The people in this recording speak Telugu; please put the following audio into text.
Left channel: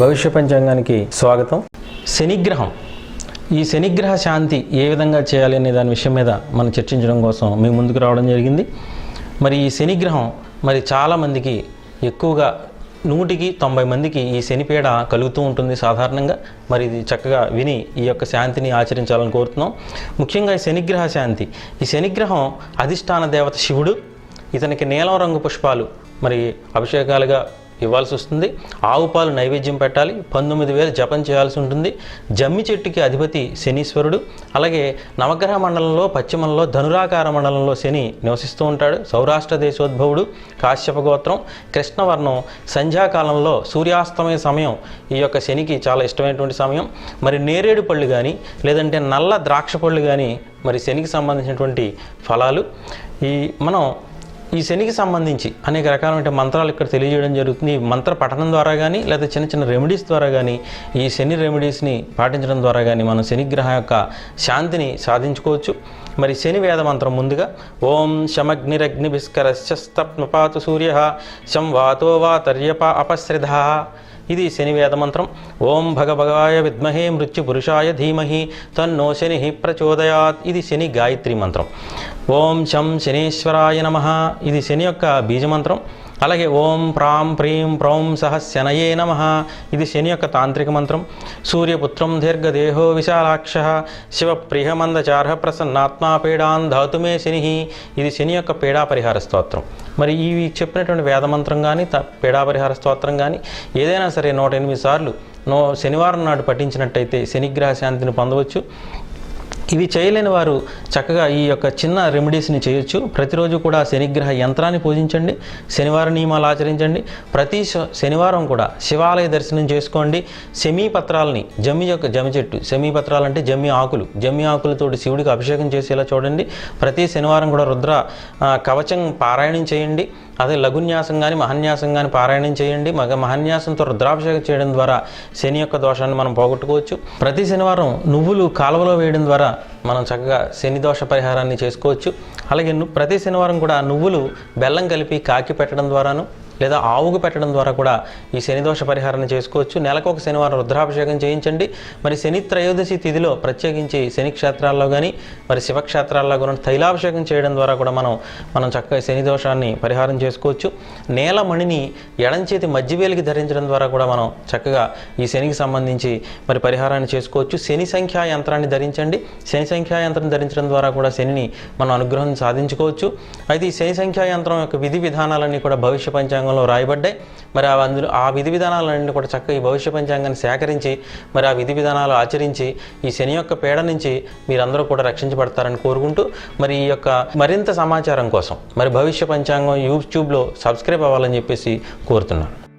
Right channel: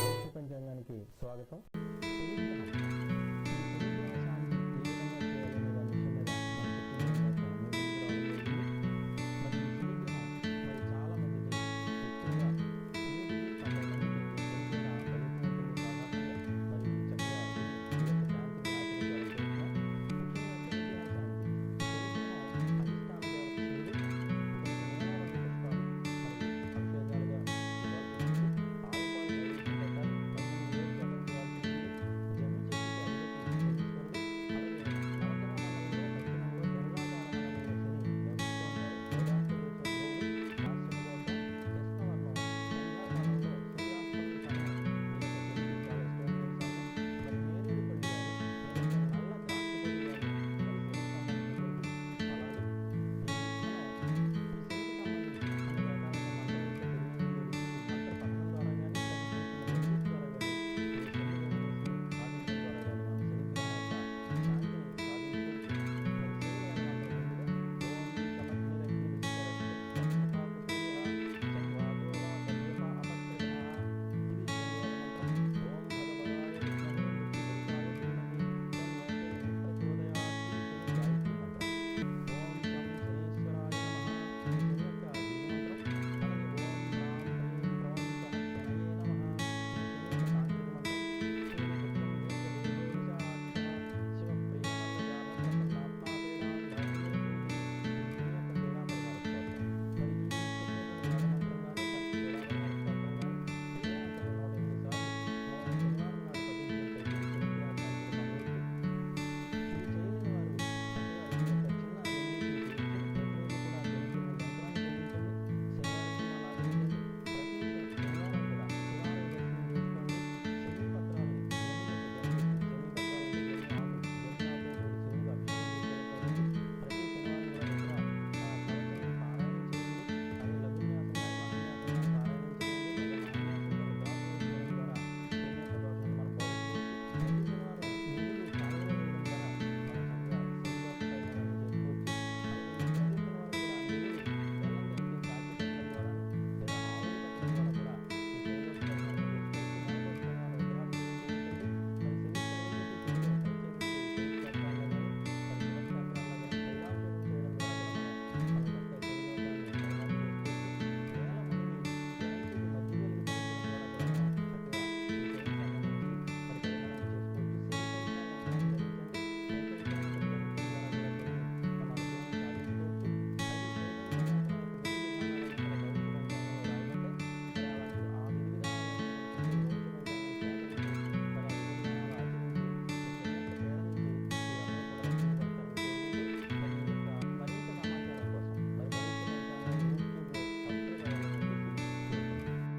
భవిష్య పంచాంగానికి స్వాగతం. శనిగ్రహం. ఈ శనిగ్రహ శాంతి ఏ విధంగా చేయాలి అనే దాని విషయం మీద మనం చర్చించడం కోసం మేము ముందుకు రావడం జరిగింది. మరి ఈ శనిగ్రహం మరి చాలామందికి ఎక్కువగా నూటికి తొంభై మందికి ఈ శనిపీడ కలుగుతూ ఉంటుంది సాధారణంగా. మరి ఇది చక్కగా విని ఈ యొక్క శాంతిని ఆచరించాలని కోరుతున్నాం. ముఖ్యంగా ఈ శనిగ్రహ శాంతి. ఈ శనిగ్రహం అధిష్టాన దేవత శివుడు ఇతనికి నీలం రంగు పుష్పాలు మరి అభిషేకాలుగా ఇవ్వాల్సి వస్తుంది. ఆవు పాలు నైవేద్యం పెట్టాలి. పంతొమ్మిది వేలు జపం చేయాల్సి ఉంటుంది. జమ్మి చెట్టుకి అధిపతి శనీశ్వరుడు. అలాగే నవగ్రహ మండలంలో పశ్చిమంలో ధనురాకార మండలంలో శని నివసిస్తూ ఉంటాడు. సౌరాష్ట్ర దేశోద్భవుడు కాశ్యప గోత్రం. కృష్ణవర్ణం సంధ్యాకాలంలో సూర్యాస్తమయ సమయం. ఈ యొక్క శనికి చాలా ఇష్టమైనటువంటి సమయం. మరి నేరేడు పళ్ళు కానీ లేదంటే నల్ల ద్రాక్ష పళ్ళు కానీ మరి శనికి సంబంధించినటువంటి ఫలాలు. ఈ మనం ఈ శనికి సంబంధించి అనేక రకాలైన మంత్రాలు ఇక్కడ తెలియజేయడం జరుగుతుంది. ఈ మంత్ర పఠనం ద్వారా కానీ లేదా చిన్న చిన్న రెమెడీస్ ద్వారా కానీ ఈ శని రెమెడీస్ని పాటించడం ద్వారా కానీ మనం శనిగ్రహం యొక్క శాంతిని సాధించుకోవచ్చు. మరి శని వేద మంత్రం ముందుగా ఓం శమగ్నిరగ్ని విస్కరశ్చస్తప్నుపాతు సూర్య శం వాతో వాతర్యప అపశ్రిధ. ఇది శని వేద మంత్రం. ఓం భగభగాయ విద్మహే మృత్యు పురుషాయ ధీమహి తన్నో శని ప్రచోదయాత్. ఇది శని గాయత్రి మంత్రం. ఓం శం శనీశ్వరాయ నమ. ఇది శని యొక్క బీజమంత్రం. అలాగే ఓం ప్రాం ప్రీం ప్రౌం సహ శనయే నమ. ఇది శని యొక్క తాంత్రిక మంత్రం. సూర్యపుత్రం దీర్ఘదేహో విశాలాక్ష. శివప్రియమందచార్హ ప్రసన్నాత్మా పీడాన్ ధాతుమే శని. ఇది శని యొక్క పీడా పరిహార స్తోత్రం. మరి ఇవి చెప్పినటువంటి వేదమంత్రం కానీ త పీడా పరిహార స్తోత్రం కానీ ఏదైనా సరే నూట ఎనిమిది సార్లు నో శనివారం నాడు పఠించినట్టయితే శనిగ్రహ శాంతిని పొందవచ్చు. ఇవి చేయలేని వారు చక్కగా ఈ యొక్క చిన్న రెమెడీస్ని చేయొచ్చు. ప్రతిరోజు కూడా శనిగ్రహ యంత్రాన్ని పూజించండి. శనివార నియమాలు ఆచరించండి. ప్రతి శ- శనివారం కూడా శివాలయ దర్శనం చేసుకోండి. సెమీ పత్రాలని జమ్మి యొక్క జమ్మి చెట్టు సెమీ పత్రాలు అంటే జమ్మి ఆకులు జమ్మి ఆకులతోటి శివుడికి అభిషేకం చేసేలా చూడండి. ప్రతి శనివారం కూడా రుద్ర కవచం పారాయణం చేయండి. అదే లఘున్యాసం కానీ మహన్యాసం కానీ పారాయణం చేయండి. మగ మహన్యాసంతో రుద్రాభిషేకం చేయడం ద్వారా శని యొక్క దోషాన్ని మనం పోగొట్టుకోవచ్చు. ప్రతి శనివారం నువ్వులు కాలువలో వేయడం ద్వారా మనం చక్కగా శని దోష పరిహారాన్ని చేసుకోవచ్చు. అలాగే ప్రతి శనివారం కూడా నువ్వులు బెల్లం కలిపి కాకి పెట్టడం ద్వారాను లేదా ఆవుకు పెట్టడం ద్వారా కూడా ఈ శని దోష పరిహారాన్ని చేసుకోవచ్చు. నెలకు ఒక శనివారం రుద్రాభిషేకం చేయించండి. మరి శని త్రయోదశి తిథిలో ప్రత్యేకించి శని క్షేత్రాల్లో కానీ మరి శివక్షేత్రాల్లో కూడా తైలాభిషేకం చేయడం ద్వారా కూడా మనం మనం చక్కగా శని దోషాన్ని పరిహారం చేసుకోవచ్చు. నేలమణిని ఎడంచేతి మధ్యవేలికి ధరించడం ద్వారా కూడా మనం చక్కగా ఈ శనికి సంబంధించి మరి పరిహారాన్ని చేసుకోవచ్చు. శని సంఖ్యా యంత్రాన్ని ధరించండి. శని సంఖ్యా యంత్రం ధరించడం ద్వారా కూడా శనిని మనం అనుగ్రహం సాధించుకోవచ్చు. అయితే ఈ శని సంఖ్యా యంత్రం యొక్క విధి విధానాలన్నీ కూడా భవిష్య పంచాంగంలో రాయబడ్డాయి మరి ఆ అందులో ఆ విధి విధానాలన్నీ కూడా చక్కగా ఈ భవిష్య పంచాంగాన్ని సేకరించి మరి ఆ విధి విధానాలు ఆచరించి ఈ శని యొక్క పీడ నుంచి మీరందరూ కూడా రక్షించబడతారని కోరుకుంటూ మరి ఈ యొక్క మరింత సమాచారం కోసం మరి భవిష్య పంచాంగం యూట్యూబ్లో సబ్స్క్రైబ్ అవ్వాలని చెప్పేసి కోరుతున్నాను.